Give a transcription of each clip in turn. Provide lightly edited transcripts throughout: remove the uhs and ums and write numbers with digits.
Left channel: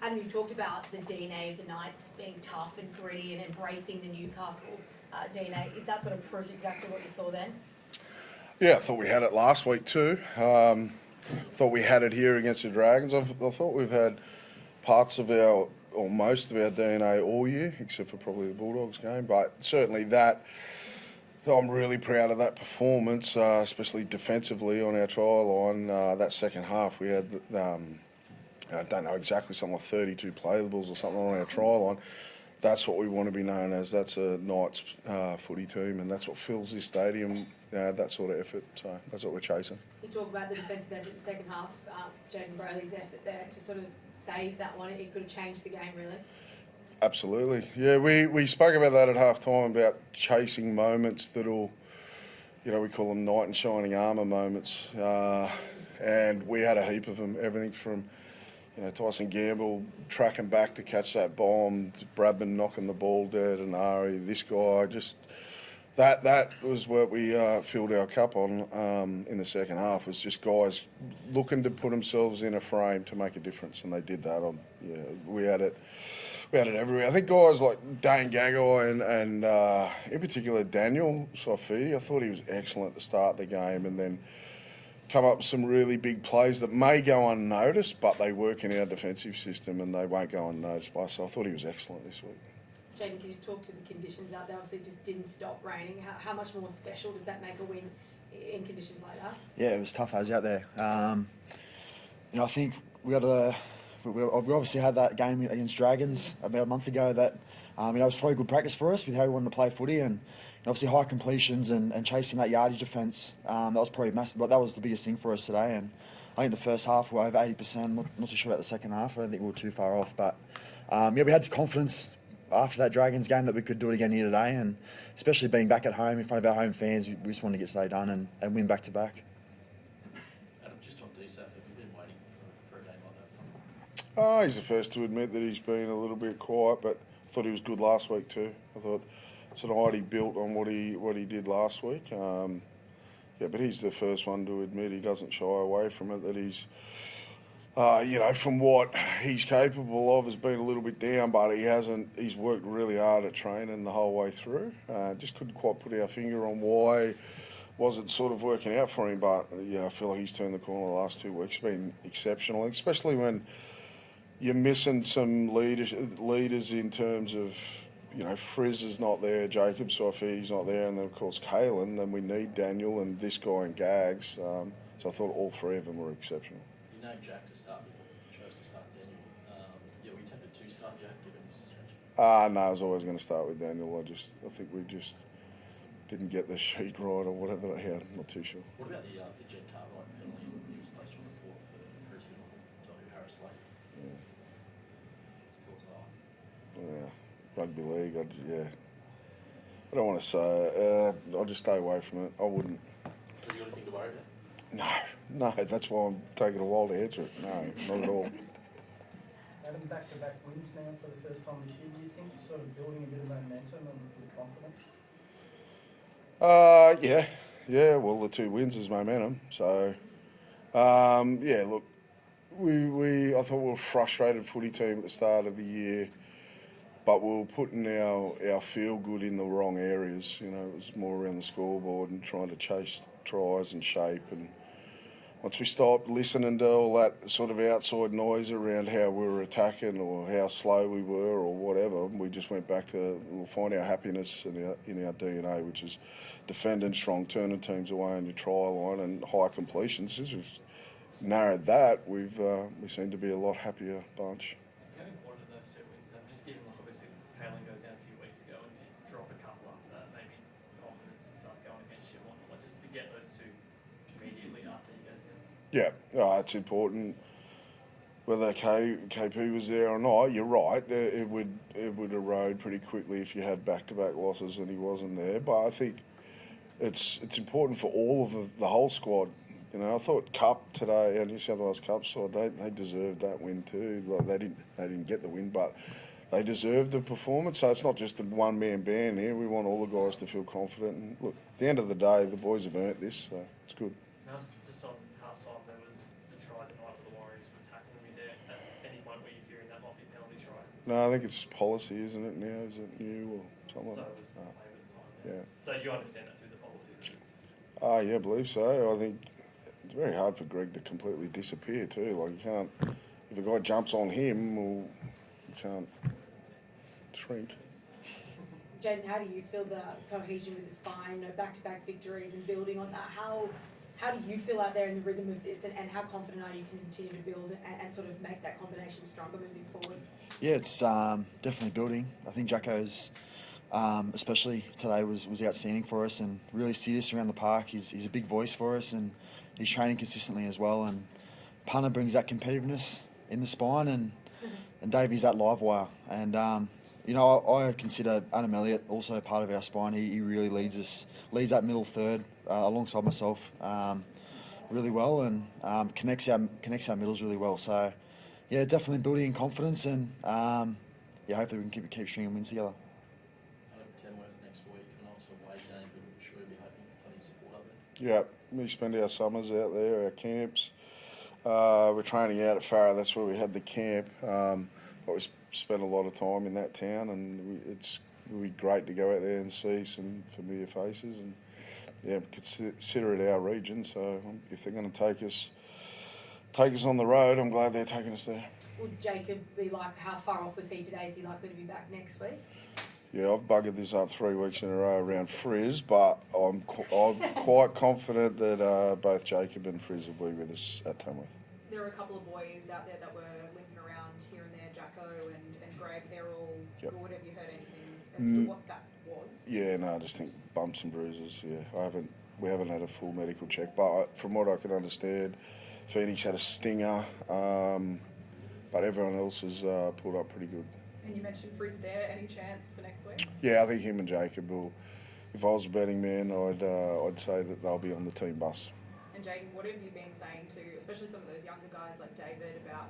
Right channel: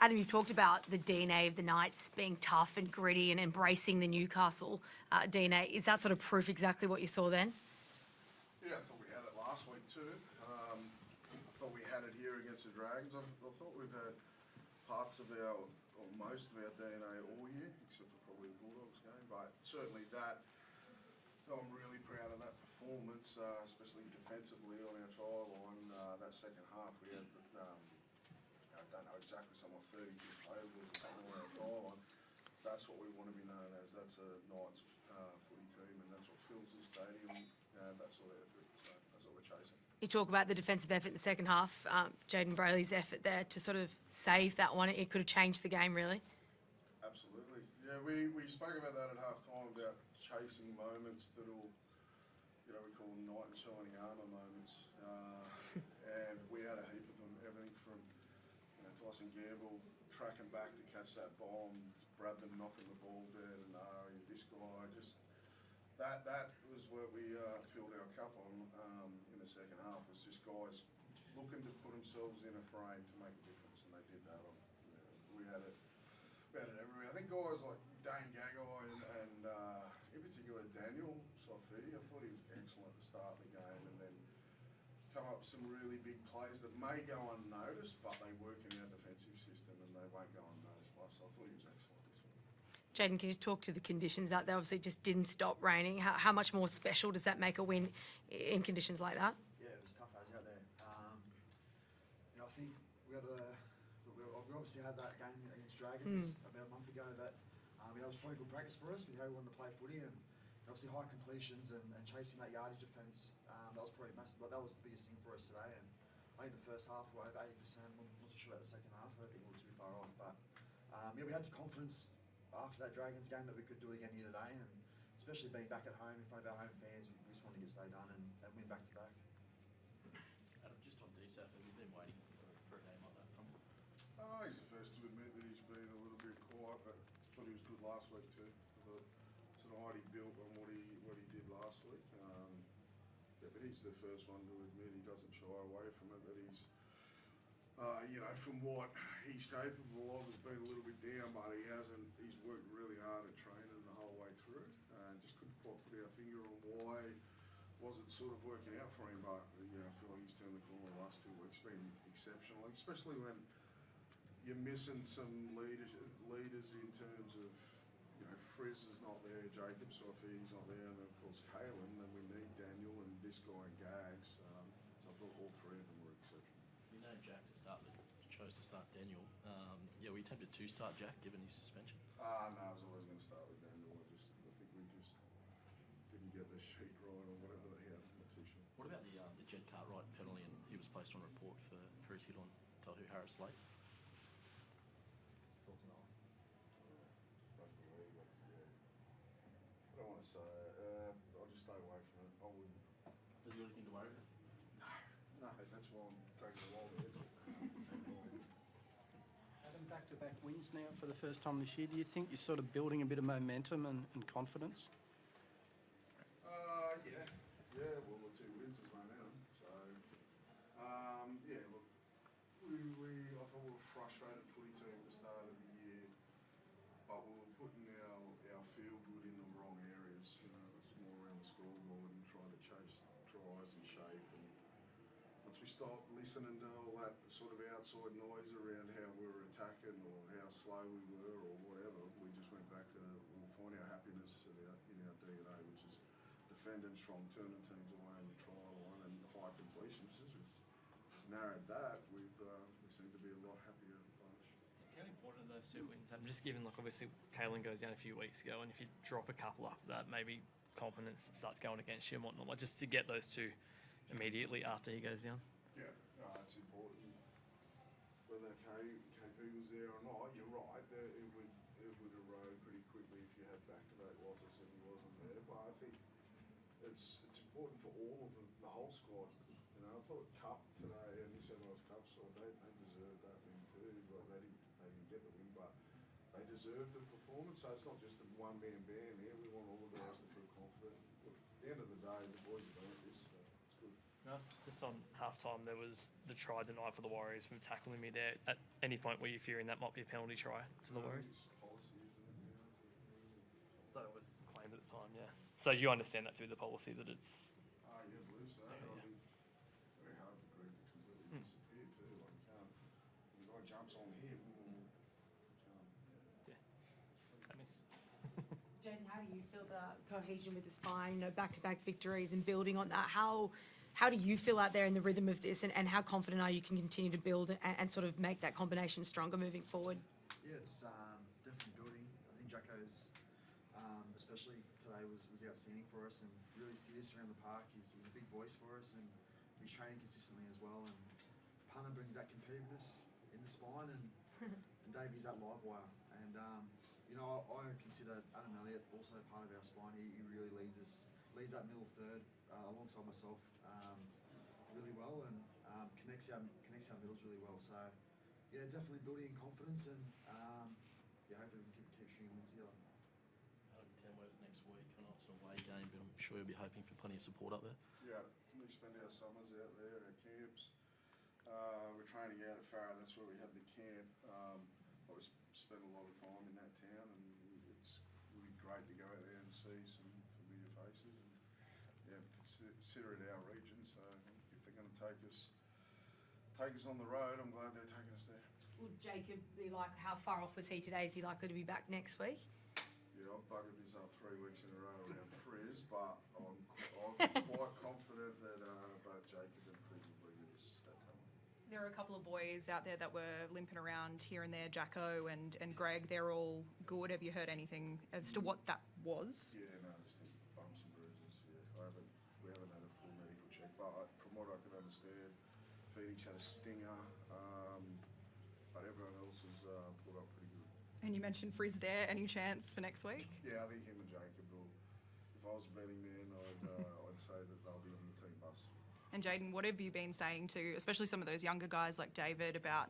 Adam, you've talked about the DNA of the Knights being tough and gritty and embracing the Newcastle DNA. Is that sort of proof exactly what you saw then? Yeah, I thought we had it last week too. Thought we had it here against the Dragons. I thought we've had parts of our, or most of our DNA all year, except for probably the Bulldogs game. But certainly that, I'm really proud of that performance, especially defensively on our try line. That second half, we had, I don't know exactly, something like 32 playables or something on our try line. That's what we want to be known as. That's a Knights footy team, and that's what fills this stadium, that sort of effort. So that's what we're chasing. You talk about the defensive effort in the second half, Jaden Brayley's effort there to sort of save that one. It could have changed the game, really. Absolutely. Yeah, we spoke about that at half time, about chasing moments that'll, we call them knight in shining armour moments. And we had a heap of them, everything from, Tyson Gamble tracking back to catch that bomb, Bradman knocking the ball dead, and Ari, this guy, just that was what we filled our cup on in the second half, was just guys looking to put themselves in a frame to make a difference, and they did that. We had it everywhere. I think guys like Dane Gagai and in particular Daniel Saifidi, I thought he was excellent at the start of the game, and then come up with some really big plays that may go unnoticed, but they work in our defensive system and they won't go unnoticed by us. So I thought he was excellent this week. Jaden, can you talk to the conditions out there? Obviously, it just didn't stop raining. How much more special does that make a win in conditions like that? Yeah, it was tough as out there. I think we obviously had that game against Dragons about a month ago that it was probably good practice for us with how we wanted to play footy, and obviously high completions and chasing that yardage defence. That was probably massive, but that was the biggest thing for us today. And I think the first half we were over 80%. Not too sure about the second half. I don't think we were too far off, but we had the confidence after that Dragons game that we could do it again here today, and especially being back at home in front of our home fans, we just wanted to get today done and win back to back. Adam, just on DSAF, have you been waiting for a game like that from him? He's the first to admit that he's been a little bit quiet, but I thought he was good last week too. I thought tonight he built on what he did last week. But he's the first one to admit he doesn't shy away from it, that he's, from what he's capable of, has been a little bit down, but he's worked really hard at training the whole way through. Just couldn't quite put our finger on why wasn't sort of working out for him, but I feel like he's turned the corner the last 2 weeks. Been exceptional, especially when you're missing some leaders in terms of, Frizz is not there, Jacob Saifidi's not there, and then of course Kalen. Then we need Daniel and this guy and Gags. So I thought all three of them were exceptional. You named Jack to start, but chose to start Daniel. We tempted to start Jack given his suspension. No, I was always going to start with Daniel. I think we just didn't get the sheet right or whatever they had. I'm not too sure. What about the Jen Cartwright penalty? He was placed on report for his hit on Tohu Harris Lake. Yeah. Thoughts on that? Yeah. Rugby league, I don't want to say. I'll just stay away from it. I wouldn't. Has he got anything to worry about? No, that's why I'm taking a while to answer it. No, not at all. Adam, back-to-back wins now for the first time this year. Do you think you're sort of building a bit of momentum and confidence? Yeah. Well, the 2 wins is momentum. So, look, I thought we were a frustrated footy team at the start of the year, but we were putting our feel good in the wrong areas. It was more around the scoreboard and trying to chase tries and shape. And once we stopped listening to all that sort of outside noise around how we were attacking or how slow we were or whatever, we just went back to find our happiness in our DNA, which is defending strong, turning teams away on your try line and high completions. Since we've narrowed that, we seem to be a lot happier bunch. How important are those 2 wins? I'm just given, obviously, Kalen goes down a few weeks ago, and if you drop a couple after that, maybe confidence starts going against you and whatnot. Just to get those 2 immediately after he goes down. Yeah, it's important. Whether KP was there or not, you're right. It would erode pretty quickly if you had back-to-back losses and he wasn't there. But I think it's important for all of the whole squad. I thought Cup today, New South Wales Cup side, they deserved that win too. Like they didn't get the win, but they deserved the performance. So it's not just a one-man band here. We want all the guys to feel confident. And look, at the end of the day, the boys have earned this, so it's good. Just on half-time, there was the try denied for the Warriors from tackling me there. At any point point where you're fearing that might be a penalty try? No, I think it's policy, isn't it now? Is it new or So something it like was that? played at the time, yeah. Yeah. So do you understand that to be the policy that it's... Oh, yeah, I believe so. I think it's very hard for Greg to completely disappear too. Like, you can't, if a guy jumps on him, well, you can't shrink. Jaden, how do you feel the cohesion with the spine, back-to-back victories and building on that? How do you feel out there in the rhythm of this, and how confident are you can continue to build and sort of make that combination stronger moving forward? Yeah, it's definitely building. I think Jacko's, especially today, was outstanding for us and really serious around the park. He's a big voice for us, and he's training consistently as well. And Punter brings that competitiveness in the spine, and Davey's that live wire. And you know, I consider Adam Elliott also part of our spine. He really leads that middle third alongside myself really well, and connects our middles really well. So yeah, definitely building in confidence, and yeah, hopefully we can keep stringing wins together. Adam, Tamworth next week, and also away game, but I'm sure you'll be hoping for plenty of support up there. Yeah, we spend our summers out there, our camps. We're training out at Farah. That's where we had the camp. But we spent a lot of time in that town, and it'll be great to go out there and see some familiar faces, and yeah, consider it our region. So if they're going to take us on the road, I'm glad they're taking us there. Would Jacob be like, how far off was he today? Is he likely to be back next week? Yeah, I've buggered this up 3 weeks in a row around Frizz, but I'm quite confident that both Jacob and Frizz will be with us at Tamworth. There were a couple of boys out there that were limping around here and there, Jacko and Greg. They're all Yep. good. Have you heard anything as to what that was? Yeah, no, I just think bumps and bruises. Yeah, we haven't had a full medical check, but from what I can understand, Phoenix had a stinger, but everyone else has pulled up pretty good. And you mentioned Frizz there. Any chance for next week? Yeah, I think him and Jacob will. If I was a betting man, I'd say that they'll be on the team bus. And Jaden, what have you been saying to, especially some of those younger guys like David, about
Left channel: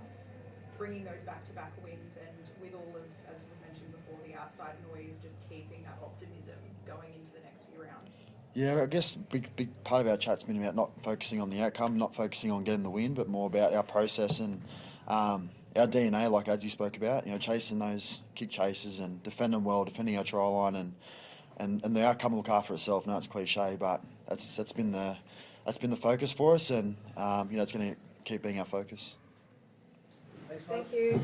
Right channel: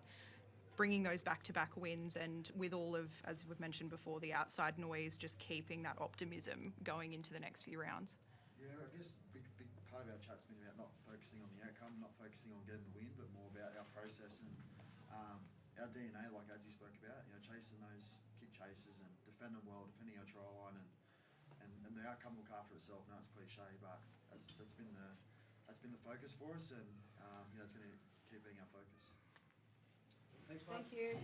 bringing those back-to-back wins, and with all of, as we've mentioned before, the outside noise, just keeping that optimism going into the next few rounds? Yeah, I guess big part of our chat's been about not focusing on the outcome, not focusing on getting the win, but more about our process and our DNA, like Adzi spoke about. You know, chasing those kick chases and defending well, defending our try line, and the outcome will look after itself. Now it's cliche, but that's been the focus for us, and you know, it's going to keep being our focus. Thanks, Ryan. Thank you.